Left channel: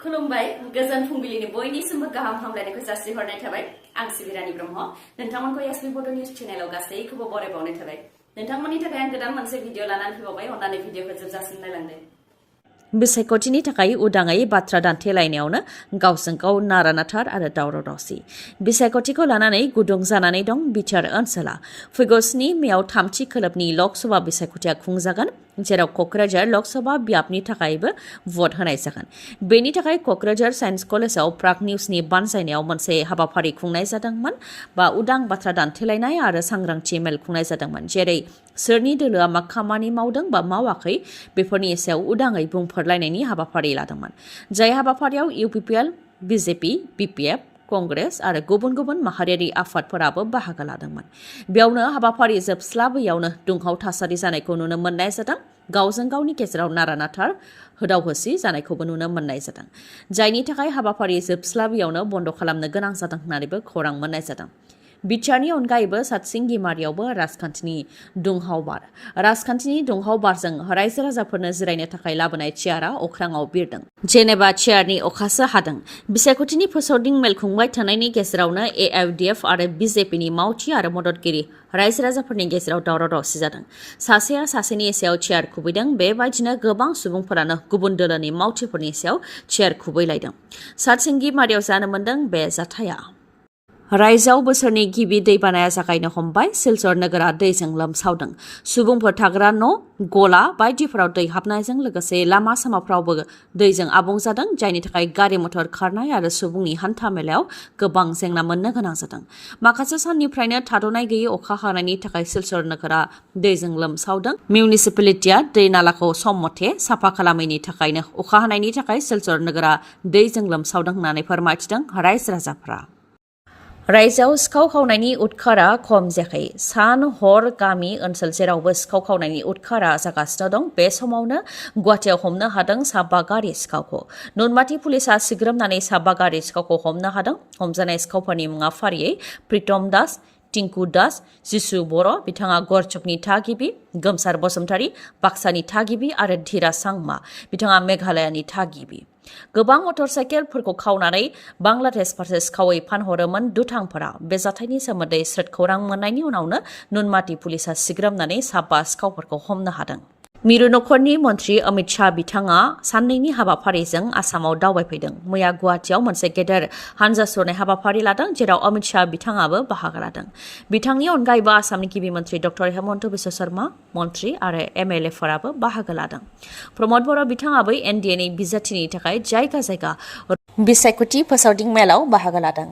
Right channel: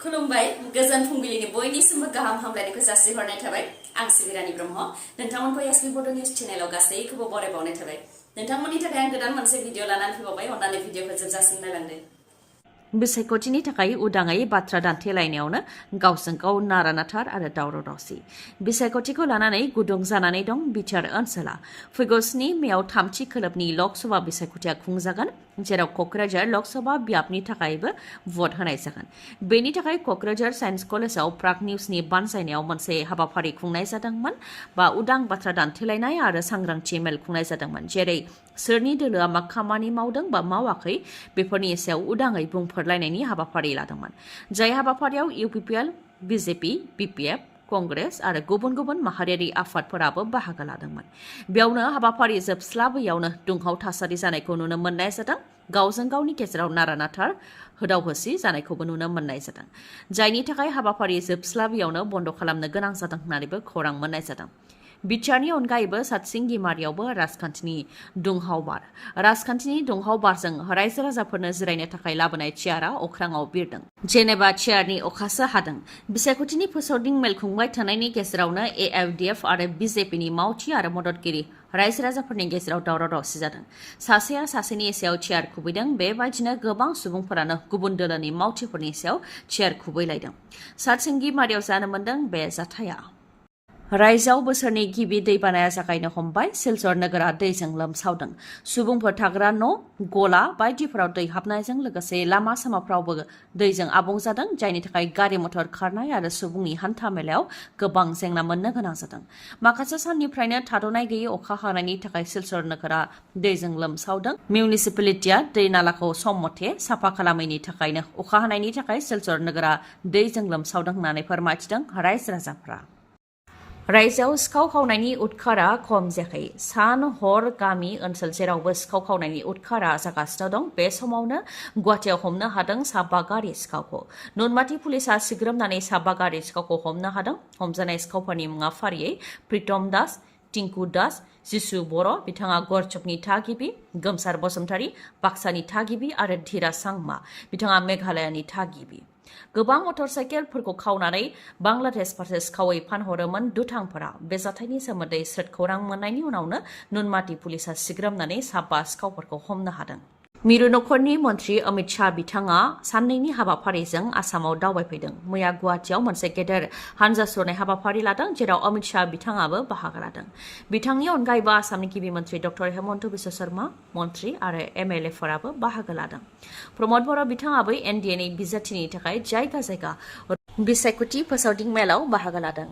खुलुमबाय गोजोन फुंबिलिनि बयनिसिमबो गाहाम हामलायनायखौ जासिहरनाय थाबाय आं सिबि रानी ब्रह्म नोंथांमोनखौ एसबी बड निउज चेनेलाव गासैखौबो बरायबावनाय थाबाय नोंथांमोननि थाखाय आं गोदान मोनसे भिडिअ लानानै फैबावबाय अन्नानै भिडिअखौ जोबजासिम नायलांदो बिसायख'थिनि थाखाय उदाङै बाथ्रा दान्थेलायनायावनो गावजों गाव नारा-नाथार आरो दावराव-दावसि बिसायख'थिखौ लानानै गुदुं जानानै दं बिटिआर ओनसोला फैगौ 7 मेआव 3थि खोलोबनि लकसभा बिसायख'थिया खुंजागोन जेराव क'क्राझार लकसभा बियाबनि थाखायबो भट होनाय जागोन बेनि थाखाय क'क्राझार साइन्स कलेजाव प्राग निउजनि बानजायनायाव मोनसे हाबाफारि खुंनाय जादोंमोन बा उदां बाथ्रा दान्थेलायनाय आरो सांग्रांथि मेल खुंनाय जादोंमोन जेरै सोरनि दोलोआ मा खामानि मावदों बा मावाखै बेफोरनि सायाव उदाङै बुंफोरलायनायनि हाबाफारि लादोंमोन जाय हाबाफारियाव UPPL BJP BPF कंग्रेस आरो गुबुन गुबुन माहारियारि आफादफोराबो बाहागो लादोंमोन बेयावनो हाबाफारि जोबस्लाबैयावनो दुंहाव थासारि जानायखौ नुनो मोननाय जादों गावजों गावनि गेजेराव नारा-नाथार होदाव-होसि जानायखौबो नुनो मोननाय जादों जायनि थाखाय हाबाफारि जोबस्लाबैयावनो बन्द खालामनो गोनां जादों होननानैबो खौरां मोननाय जादों बिटिआरनि अनगायैबो सातसिंगिमारियावबो राजखान्थिनि दुंहाव बारजों रायजो राजाफोरनो जिरायनो थाखाय लाबोनाय चेयारा अख्राङाव बिरदों जेनेबा चेयारनि अखासो हादों बिसायख'थिनि फोसावदिं मेल खुंबाय थानायनि गेजेरावनो AIUDF आरो BJPनि मावथि आरो मददगिरि रायजो राजाफोरनि गेजेराव दावराव-दावसि जादों सासेया सासेनि सायाव चेयार खुबैदों बेबायदिनो गोबां सुबुंफोरानो गुबुन दोलोनि मावथिफोरनि सायाव चेयार खुबैलायदों सातसिंगिमारियाव जानो मोनदों बे जाथाया रायजोआव बोसोरनि गिबि दैबानाया जागायनो हमबाय सिलचर नोगोरा दैजों लोमसावदों सुबुंफोर थाग्रा न' गला बायदिफोराव दै हाबनायजों लोगोसे लामा सामाफ्रावबो दैजों आबुं जादों जायनि थाखाय गारि मटर खारनाय आरो सुबुंनि हान्था मेलायाव गोबां जेंना मोननो गोनां जादों माखासे साननिफ्रायनो थाद'नाय गैयै अखा हानायनि थाखाय सिलचर नोगोरा दैजों लोमसावदों मिउनिसिपेलिटिया दै नालाखौ सम मथे साफा खालामैनि थाखायनो अखा हानायनि थाखाय सिलचर नोगोरा दैजों लोमसावदों होननानै फोरमायथिदों रायजो राजाफ्रा रायजोआव सिखाव खावनायनि उदखारा खम जायाखै सान हर गामि ओनसोल जेरावबो सिखाव खावनायनि उदखारा जागासिनो दं बे समावनो गुवाहाटियाव हमनो हादों साबा गारि सिखावखौ नुनमाथि पुलिसा सिग्रोमनानै साबा गारि सिखावखौ हमनो हादों हमजानाय सिखावफोरनि मुङा फारियै प्रितम दास टिंकु दास जिसु बर' बिथाङा गरचकनि थागिबि गोमसार बसुमतारी बाक्सानि थागिबि आरो धीरा सांमा बिथाङा मेघालयानि थागिबि गोबां मटर साइकेलफोरखौ खावनानै बांलादेश फारसे सिखावै फानहरोमोन दुथांफोरा बे जाथायनि सोमोन्दै स्रोद खौरां मोननायनि उनावनो नुनमाथि पुलिसा सिग्रोमनानै साबा सिखावफोरखौ हमनो हादों मिरु नखरनि मन्त्रि अमित शाह बिथाङा साननैनि हाबाफारिजों आसामाव दावबायफैदों मैया गुवाहाटियाव मोनसे गेदेर हानजा सुरनाय हाबाफारि लादों जेराव अमित शाह बिथाङाबो बाहागो लादों बिथांनि अनगायैबो आसामनि गिबि मन्त्रि डक्टर हेमन्त बिश्व शर्मा मन्त्रि आरो MLA-फोराबो बाहागो लादों प्रमद बर' बिथाङाबो NDA-नि बिजाथिनि थाखाय जायगा जायगा बिसायख'थि फोसावदिं मेलाव बाहागो लादों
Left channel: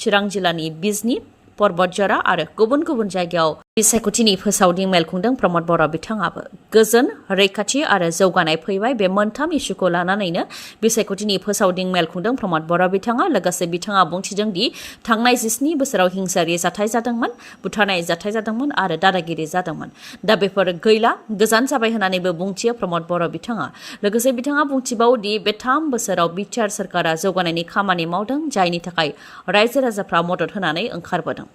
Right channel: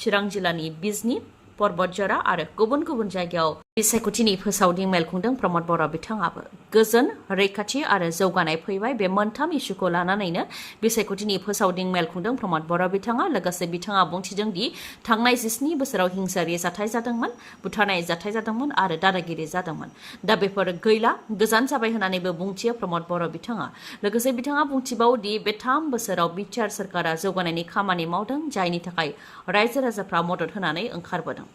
चिरां जिल्लानि बिजनी पर्बतजरा आरो गुबुन गुबुन जायगायाव बिसायख'थिनि फोसावदिं मेल खुंदों प्रमद बर' बिथाङाबो गोजोन रैखाथि आरो जौगानाय फैबाय बे मोनथाम इस्युखौ लानानैनो बिसायख'थिनि फोसावदिं मेल खुंदों प्रमद बर' बिथाङा लोगोसे बिथाङा बुंथिदों दि थांनाय 17 बोसोराव हिंसायारि जाथाय जादोंमोन बुथारनाय जाथाय जादोंमोन आरो दादागिरि जादोंमोन दा बेफोर गैला गोजान जाबाय होननानैबो बुंथियो प्रमद बर' बिथाङा लोगोसे बिथाङा बुंथिबावो दि बे 3 बोसोराव बिटिआर सरकारा जौगानायनि खामानि मावदों जायनि थाखाय रायजो राजाफ्रा मदद होनानै ओंखारबोदों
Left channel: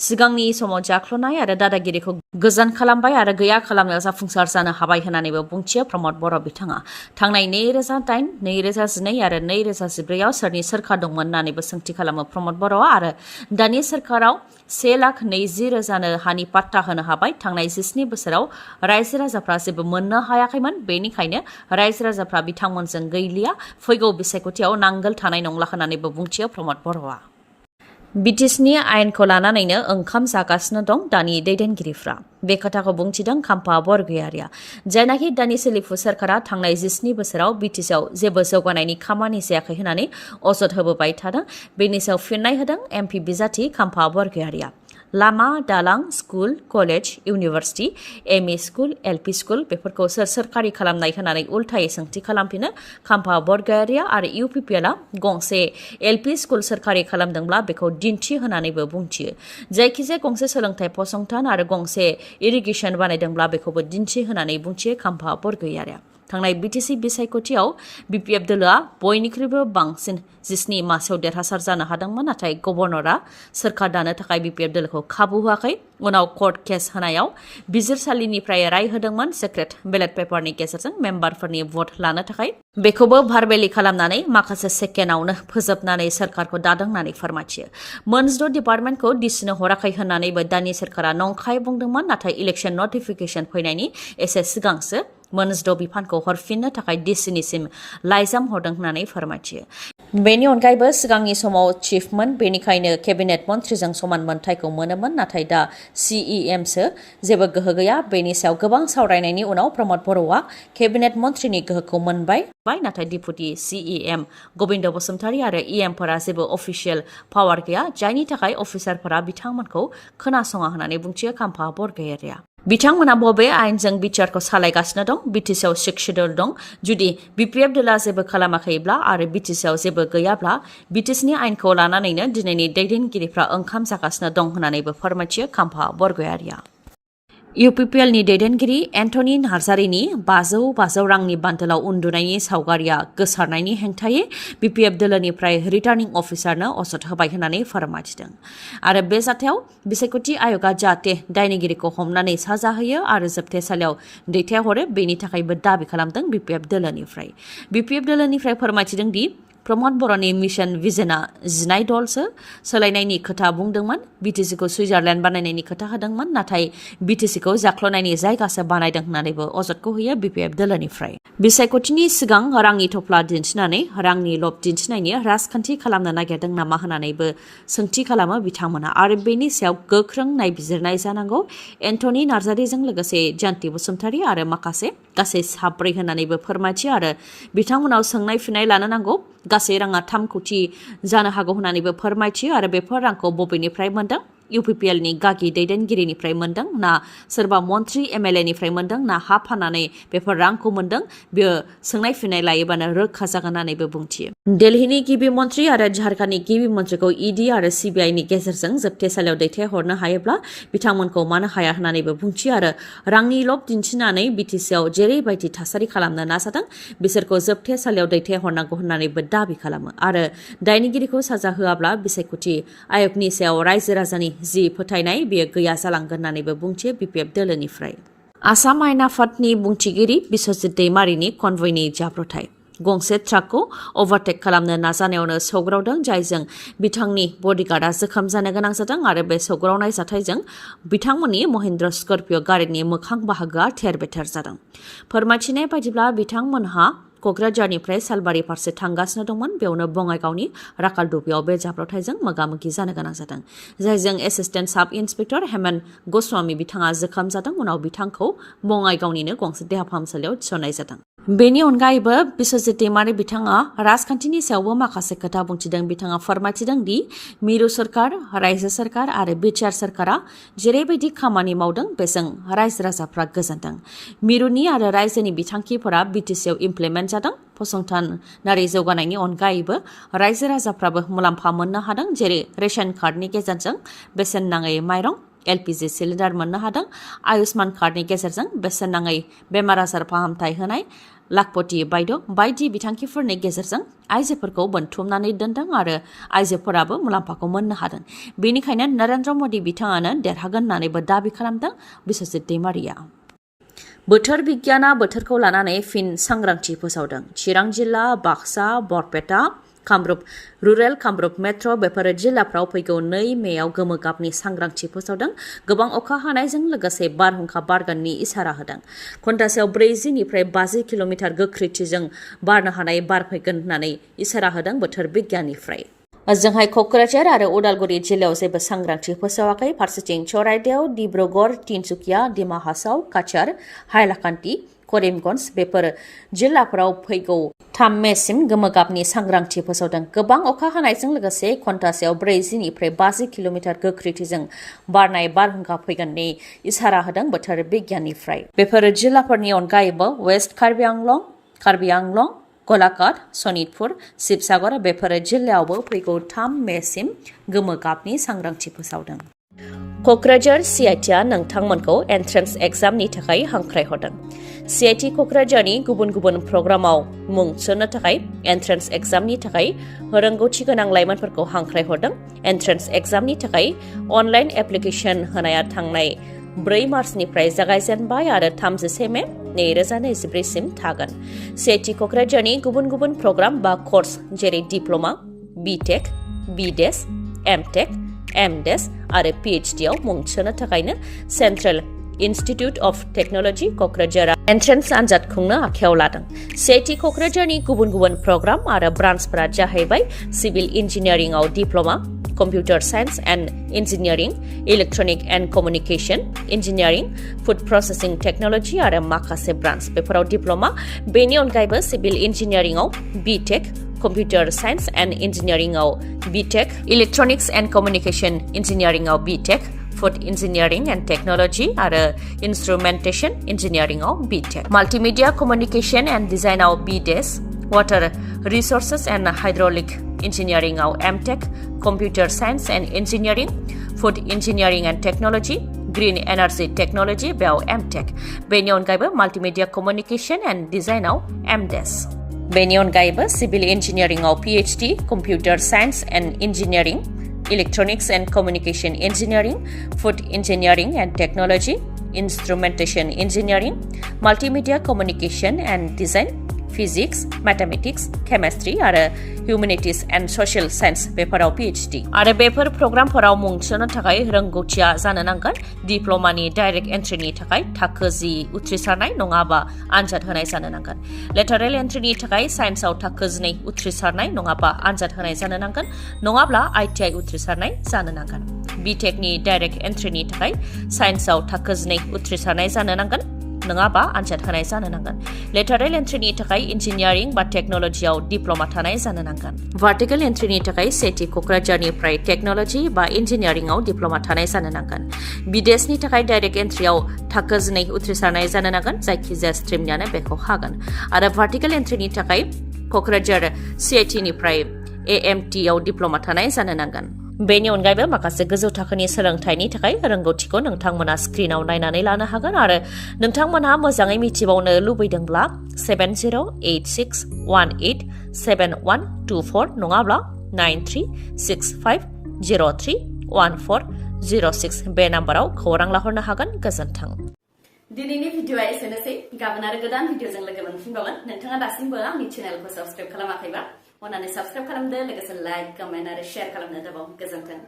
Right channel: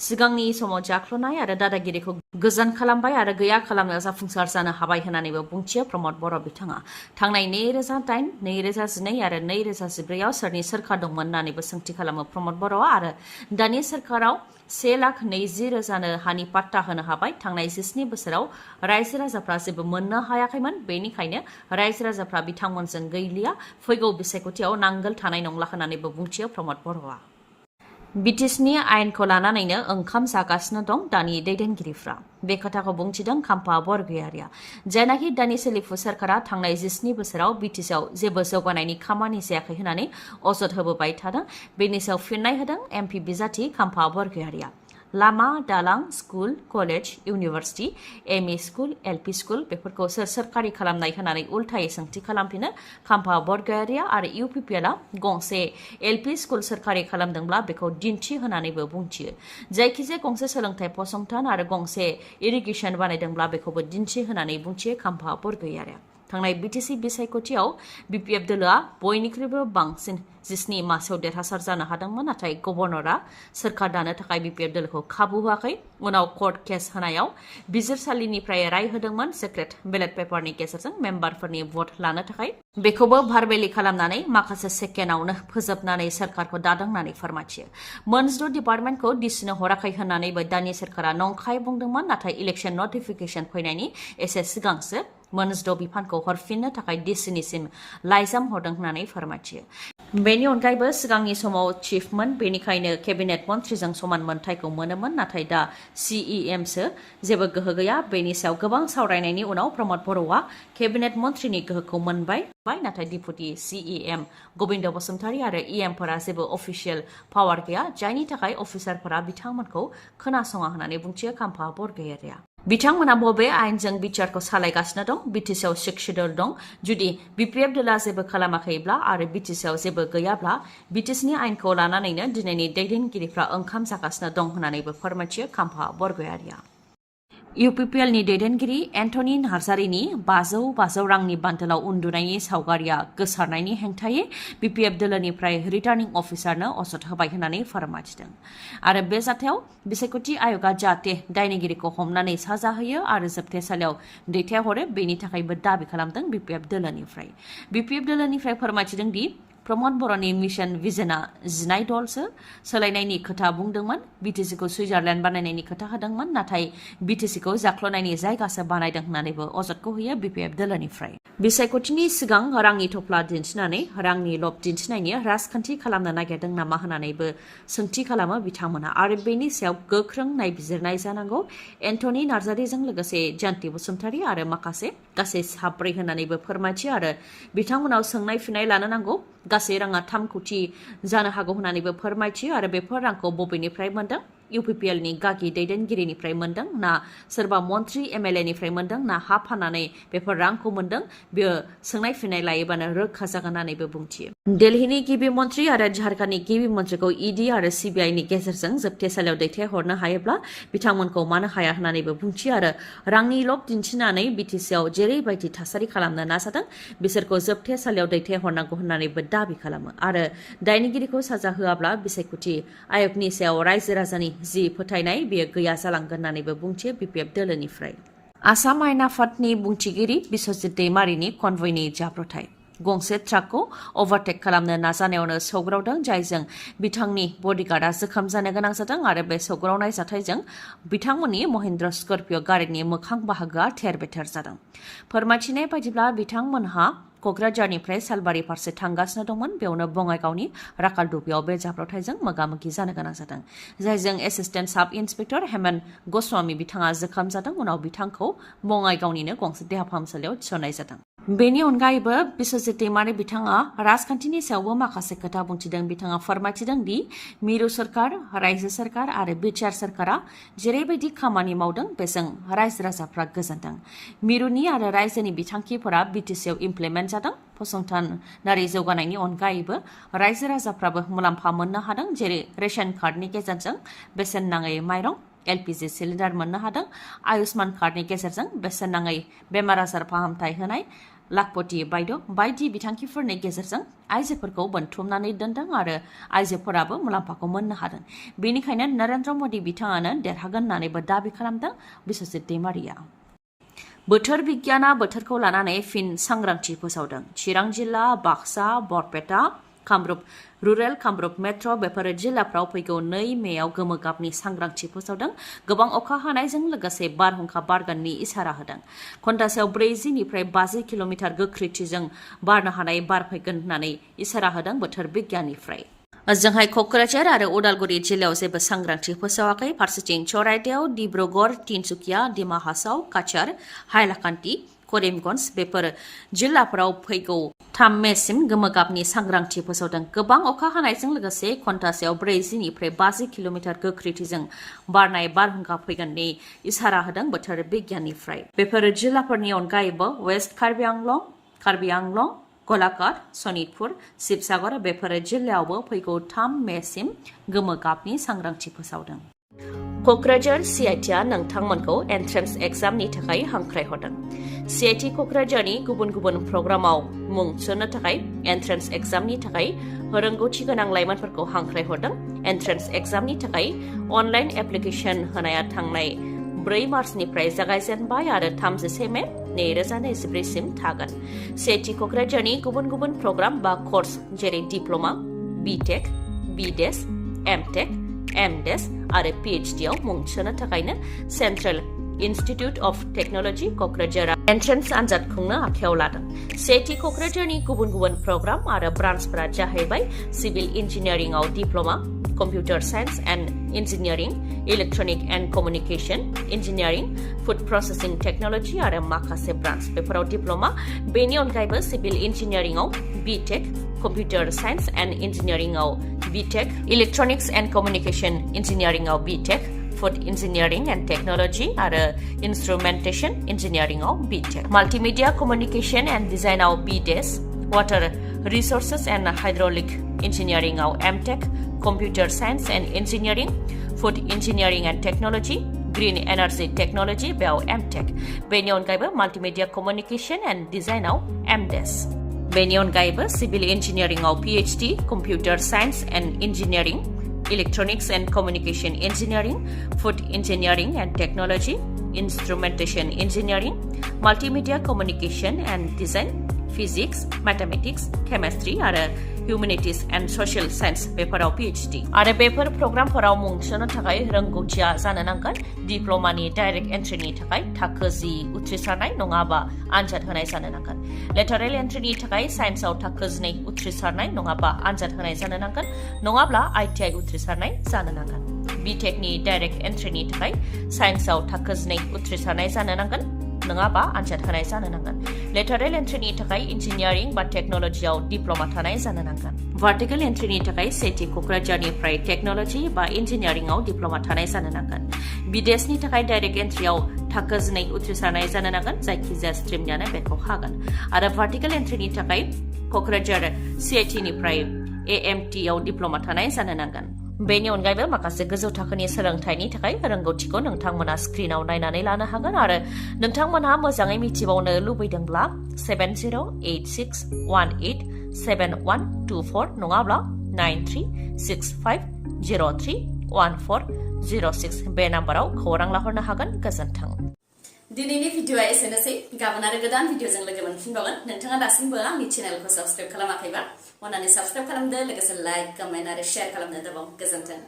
सिगांनि समाव जाख्ल'नाय आरो दादागिरिखौ गोजान खालामबाय आरो गैया खालामनायाव जाफुंसार जानो हाबाय होननानैबो बुंथियो प्रमद बर' बिथाङा थांनाय 2008, 2012 आरो 2014आव सोरनि सोरखार दंमोन होननानैबो सोंथि खालामो प्रमद बर'आ आरो दानि सोरखाराव 1,20,000नो हानि पाट्टा होनो हाबाय थांनाय 17 बोसोराव रायजो राजाफ्रा जेबो मोननो हायाखैमोन बेनिखायनो रायजो राजाफ्रा बिथांमोनजों गैलिया फैगौ बिसायख'थियाव नांगोल थानाय नंला होननानैबो बुंथियो प्रमद बर'आ BTechनि आयेनखौ लानानैनो ओंखाम जागासिनो दं दानि दैदेनगिरिफ्रा बे खोथाखौ बुंथिदों खाम्फा बरगयारिया जायनाखि दानि सोलिफु सोरखारा थांनाय 17 बोसोराव BTechआव जेबो जौगानायनि खामानि जायाखै होननानै अजद होबोबाय थादों बेनि सायाव फिननाय होदों MP बिजाथि खाम्फा बरगयारिया लामा दालां school college university ME school LP school बेफोरखौ सोरखारि खालामनाय होननानै उल्थायै सोंथि खालामफिनो खाम्फा बरगयारिया आरो UPPLआ गंसे LP स्कुल सोरखारि खालामदोंब्ला बेखौ दिन्थि होनानैबो बुंथियो जायखिजाया गंसे सोलोंथाइ फसंथान आरो गंसे इरिगेसन बानायदोंब्ला बेखौबो दिन्थि होनानै बुंथियो खाम्फा बरगयारिया थांनाय BTC बिसायख'थियाव BPF दोलोआ बयनिख्रुइबो बांसिन 17 मासियाव देरहासार जानो हादोंमोन नाथाय गभर्नरआ सोरखार दानो थाखाय BPF दोलोखौ खाबु होआखै उनाव कर्ट केस होनायाव बिजिरसालिनिफ्राय राय होदोंमोन सिक्रेट बेलेट पेपारनि गेजेरजों मेम्बारफोरनि भट लानो थाखाय बेखौबो भारबेलि खालामनानै माखासे सेकेन्डआवनो फोजोबनानै सोरखारखौ दादों होननानै फोरमायथियो मोनजिद' डिपार्टमेन्टखौ दिसिनो हराखै होननानैबो दानि सोरखारा नंखाय बुंदोंमोन नाथाय इलेक्शन नटिफिकेशन फैनायनि एसे सिगांसो मोनजिद' बिफानखौ हरफिननो थाखाय डिसिनिसिम लाइजाम हरदों होननानै फोरमायथियो बेनि अनगायैबो सिगांनि समाव चिफमोन बेनिखायनो केबिनेट मन्थ्रिजों समान मोनथायखौ मोनोमोन नाथाय दा CEMसो जेबो गोहो गैया बेनि सायाव गोबां सावरायनायनि उनाव प्रमद बर'आ केबिनेट मन्थ्रिनि गोहोखौ मोनबाय नाथाय डिपुटि CEM गबिन्द बसुमतारी आरो EMफोरा जेबो अफिसियेल पावार गैया जायनि थाखाय अफिसारफोरा बिथांमोनखौ खोनासङा होननानै बुंथियो खाम्फा बरगयारिया बिथांमोना बबे आयेनजों बिचारखौ सालायगासिनो दं BTCआव 6 शेड्युल दं जुदि BPF दोला जेबो खालामाखैब्ला आरो BTCआव जेबो गैयाब्ला BTCनि आयेनखौ लानानैनो दिनैनि दैदेनगिरिफ्रा ओंखाम जागासिनो दं होननानैबो फोरमायथियो खाम्फा बरगयारिया UPPL नि दैदेनगिरि एन्टनी नार्जारिनि 500 रांनि बान्डोलाव उन्दुनायनि सावगारिया गोसारनायनि हेंथायै BPF दोलोनिफ्राय रिटार्निं अफिसारनो अजद होबाय होननानै फोरमायथिदों आरो बे जाथायाव बिसायख'थि आय'गा जाहाथे दायनिगिरिखौ हमनानै साजा होयो आरो जोबथेसालियाव दैथायहरो बेनि थाखायबो दाबि खालामदों BPF दोलोनिफ्राय फोरमायथिदों दि प्रमद बर'नि मिशन भिजनआ 19 दलसो सोलायनायनि खोथा बुंदोंमोन BTCखौ सुइजारलेण्ड बानायनायनि खोथा होदोंमोन नाथाय BTCखौ जाख्ल'नायनि जायगासो बानायदों होननानैबो अजदखौ होयो BPF दोलोनिफ्राय बिसायख'थिनि सिगां रांनि थफ्ला दिन्थिनानै रांनि लब दिन्थिनायनि राजखान्थि खालामनो नागिरदों नामा होननानैबो सोंथि खालामो बिथांमोना आरो बेनि सायाव गोख्रों नायबिजिरनाय जानांगौ एन्टनी नार्जारिजों लोगोसे जयन्ती बसुमतारी आरो माखासे गासै 7 होननानैबो फोरमायथियो आरो बिथांमोनाव सोंनाय फिननाय लानो नांगौ गासै राङा 3 कोटी जानो हागौ होननानैबो फोरमायथियो आरो बेफोर रांखौ बबेनिफ्राय मोनदों UPPL नि गागि दैदेनगिरिनिफ्राय मोनदों ना सोरबा मन्थ्रि MLA निफ्राय मोनदों ना हा फाननानै बेफोर रांखौ मोनदों बेयो सोंनाय फिननाय लायोबानो रोखा जागोन होननानैबो बुंथियो दिल्लीनि गिबि मन्थ्रि आरो झारखन्डनि गिबि मन्थ्रिखौ ED आरो CBI नि गेजेरजों जोबथेसालियाव दैथायहरनो हायोब्ला बिथांमोनखौ मानो हाया होननानैबो बुंथियो आरो रांनि लब दिन्थिनानै BTCआव जेरैबायदि थासारि खालामनो नाजादों बिसोरखौ जोबथेसालियाव दैथायहरनांगौ होननानैबो दाबि खालामो आरो दायनिगिरिखौ साजा होआब्ला बिसायख'थि आय'गनि सायाव रायजो राजानि जि फोथायनाय बेयो गैया जालांगोन होननानैबो बुंथियो BPF दोलोनिफ्राय आसाम आयेन आफादनि बुंथिगिरि बिस्वजित दैमारिनि कनभयनि जाब्रबथाय गंसे ट्राकखौ अभारटेक खालामनो नाजानायावनो सौग्रावदों जायजों बिथांनि बडिगार्डआ जोखोम जानो गोनां जादों आरो बे सौग्रावनाय जाथायजों बिथांमोननि महिन्द्र स्कर्पिय' गारिनि मोखां बाहागोआ थेर-बेथेर जादों फोरमायथिनाय बायदिब्ला बिथांमोनहा क'क्राझारनिफ्राय सालबारि फारसे थांगासिनो दंमोन बेयावनो बङाइगावनि राकालदुबियाव बे जाब्रबथायजों मोगा-मोगि जानो गोनां जादों जायजों एसिस्टेन्ट साब इन्सपेक्टर हेमन्त गस्वामी बिथाङा जोखोम जादों उनाव बिथांखौ बङाइगावनिनो गंसे देहा फाहामसालियाव थिसननाय जादों बेनि अनगायैबो बिस्वजित दैमारि बिथाङा राजखान्थिनि सायावबो माखासे खोथा बुंथिदों बिथाङा फोरमायथिदों दि मिरु सरकार रायजो सरकार आरो बिटिआर सरकारा जेरैबायदि खामानि मावदों बेजों रायजो राजाफ्रा गोजोनदों मिरुनि आरो रायजोनि बिथांखिफोरा BTCआव इमप्लिमेन्ट जादों फसंथानारि जौगानायनि अनगायैबो रायजो राजाफ्राबो मुलाम्फा मोननो हादों जेरै रेशन कार्डनि गेजेरजों बेसेन नाङै माइरं LPG सिलिन्डार मोननो हादों आयुष्मान कार्डनि गेजेरजों बेसेन नाङै बेमार आजार फाहामथाय होनाय लाखपति बायद' बायदि बिथांखिफोरनि गेजेरजों आइजोफोरखौ बोनथुमनानै दोनदों आरो आइजोफोराबो मुलाम्फाखौ मोननो हादों बेनिखायनो नरेन्द्र मदि बिथाङानो देरहागोन होननानैबो दाबि खालामदों बिस्वजित दैमारिया बोथोर बिगियाना बोथोरखौ लानानै फिन सांग्रांथि फोसावदों चिरां जिल्ला बाक्सा बरपेटा कामरुप रुरेल कामरुप मेट्र' बेफोर जिल्लाफ्राव फैगौ 2 मेयाव गोमो गाबनि सांग्रांथि फोसावदों गोबां अखा हानायजों लोगोसे बारहुंखा बारगोननि इसारा होदों घन्टासेयाव 40 निफ्राय 50 किल'मिटार गोख्रैथिजों बारनो हानाय बार फैगोन होननानै इसारा होदों बोथोर बिगियाननिफ्राय ओजोंहाय क'क्राझार आरो उदालगुरि जिल्लायाव जेबो सांग्रांथि फोसावाखै फारसेथिं चराइदेव डिब्रुगड़ तिनसुकिया डिमा हासाव काछार हाइलाकान्दी करिमगन्ज बेफोर जिल्लाफोराव फैगौ 3 मेसिम गोमो गाबनि सांग्रांथि फोसावदों गोबां अखा हानायजों लोगोसे घन्टासेयाव 40 निफ्राय 50 किल'मिटार गोख्रैथिजों बारनाय बारहुंखा फैगोननि इसारा होदों बोथोर बिगियाननिफ्राय बेफोर जिल्लाफोरनि अनगायैबो वेस्ट कार्बि आंलं गलाघाट सनितपुर शिबसागर बेफोर जिल्लायावबो फैगौ 3 मेसिम गोमो गाबनि सांग्रांथि फोसावदों क'क्राझार CITआ नोंथांमोनखौ एन्ट्रेन्स एग्जामनि थाखाय हांख्रायहरदों CIT क'क्राझारनि गुबुन गुबुन प्रग्रामाव मुं थिसन्नो थाखाय एन्ट्रेन्स एग्जामनि थाखाय रोंगौथि गोनां लाइमोनफोरखौ हांख्रायहरदों। एन्ट्रेन्स एग्जामनि थाखाय अनलाइन एप्लिकेसन होनाया थांनाय 4 मार्चनिफ्राय जागायजेनबाय आरो 31 मे 2024 सिम थागोन। CIT क'क्राझारनि गुबुन गुबुन प्रग्राम बा कर्स जेरै diploma, BTech, BDes, MTech, MDes आरो PhD आव मुं थिसन्नो थाखायनो सेन्ट्रेल इन्स्टिट्युट अफ टेक्न'लजि क'क्राझारआ एन्ट्रेन्स आनजाद खुंनो आखायाव लादों। CIT क'क्राझारनि गुबुन गुबुन प्रग्राम आरो ब्रान्चफोरा जाहैबाय सिभिल इन्जिनियारिंआव diploma, computer science and engineering, electronic and communication engineering, food processing technology आरो माखासे ब्रान्च बेफोराव डिप्ल'मा। बेनि अनगायैबो सिभिल इन्जिनियारिंआव BTech, कम्पिउटार साइन्स एन्ड इन्जिनियारिंआव BTech, इलेक्ट्रनिक्स एन्ड कमिउनिकेसन इन्जिनियारिंआव BTech, food engineering and technology आरो इन्स्ट्रुमेन्टेसन इन्जिनियारिंआव BTech, माल्टिमिडिया कमिउनिकेसन एन्ड डिजाइनआव BDes, water resources and hydraulic इन्जिनियारिंआव MTech, computer science and engineering, food engineering and technology, green energy technology बेयाव MTech। बेनि अनगायैबो multimedia communication and डिजाइनआव MDes। बेनि अनगायैबो सिभिल इन्जिनियारिंआव PhD, computer science and engineering, electronics and communication engineering, food engineering and technology, instrumentation engineering, multimedia communication and design, physics, mathematics, chemistry आरो humanities and social science बेफोराव PhD। आरो बेफोर प्रग्रामफोराव मुं थिसन्नो थाखाय रोंगौथिया जानो नांगोन डिप्ल'मानि डाइरेक्ट एन्ट्रिनि थाखाय थाखो 10 उथ्रिसारनाय नङाबा आनजाद होनाय जानो नांगोन। लेटारेल एन्ट्रिनि थाखाय साइन्सआव थाखो 12 उथ्रिसारनाय नङाबा आनजाद होनाय जानो नांगोन, नङाब्ला ITI उथ्रिसारनाय जानो नांगोन। BTechनि डाइरेक्ट एन्ट्रिनि थाखाय साइन्सआव थाखो 12 उथ्रिसारनाय जानो नांगोन, नङाबा आनजाद होनाय जानो नांगोन। लेटारेल एन्ट्रिनि थाखाय इन्जिनियारिं बा टेक्न'लजियाव डिप्ल'मा थानाय जानो नांगोन। भार्टिकेल एन्ट्रिनि थाखाय CIT क'क्राझारनिफ्राय टेक्न'लजि बा इन्जिनियारिंआव डिप्ल'मा थानाय जानो नांगोन। BDesनि थाखाय डाइरेक्ट एन्ट्रियाव थाखो 12 उथ्रिसारनाय जानो नांगोन, जायखिजाया स्ट्रिमनियानो बेखौ हागोन। आरो भार्टिकेल एन्ट्रिनि थाखाय क'क्राझार CITनिफ्राय AMT आव डिप्ल'मा थानाय जानो नांगोन। बेनि अनगायैबो माखासे गोजौ थाखोनि सोलोंथाइनि थाखाय रोंगौथिखौ नोंथांमोना स्क्रिनाव नायनानै लानो हागोन आरो नोंथांमोनहा मोजाङै मिथिबावनो लुबैदोंब्ला 7086187124 नङाब्ला 9365031406 बे नाम्बाराव खौरां लाहरनो हागोन। गोजोन्थों। दिनैनि भिडिअआ एसेनोसै। गाबोन आरो गोदान भिडिअजों लोगो मोनफिनबावगोन। नोंथाङा दासिमबो आंनि चेनेलखौ साबस्क्राइब खालामाखैबा अन्नानै साबस्क्राइब खालामदो, लोगोसे लाइक, कमेन्ट आरो शेयार खालामनो दाबाव। गोजोन्थों।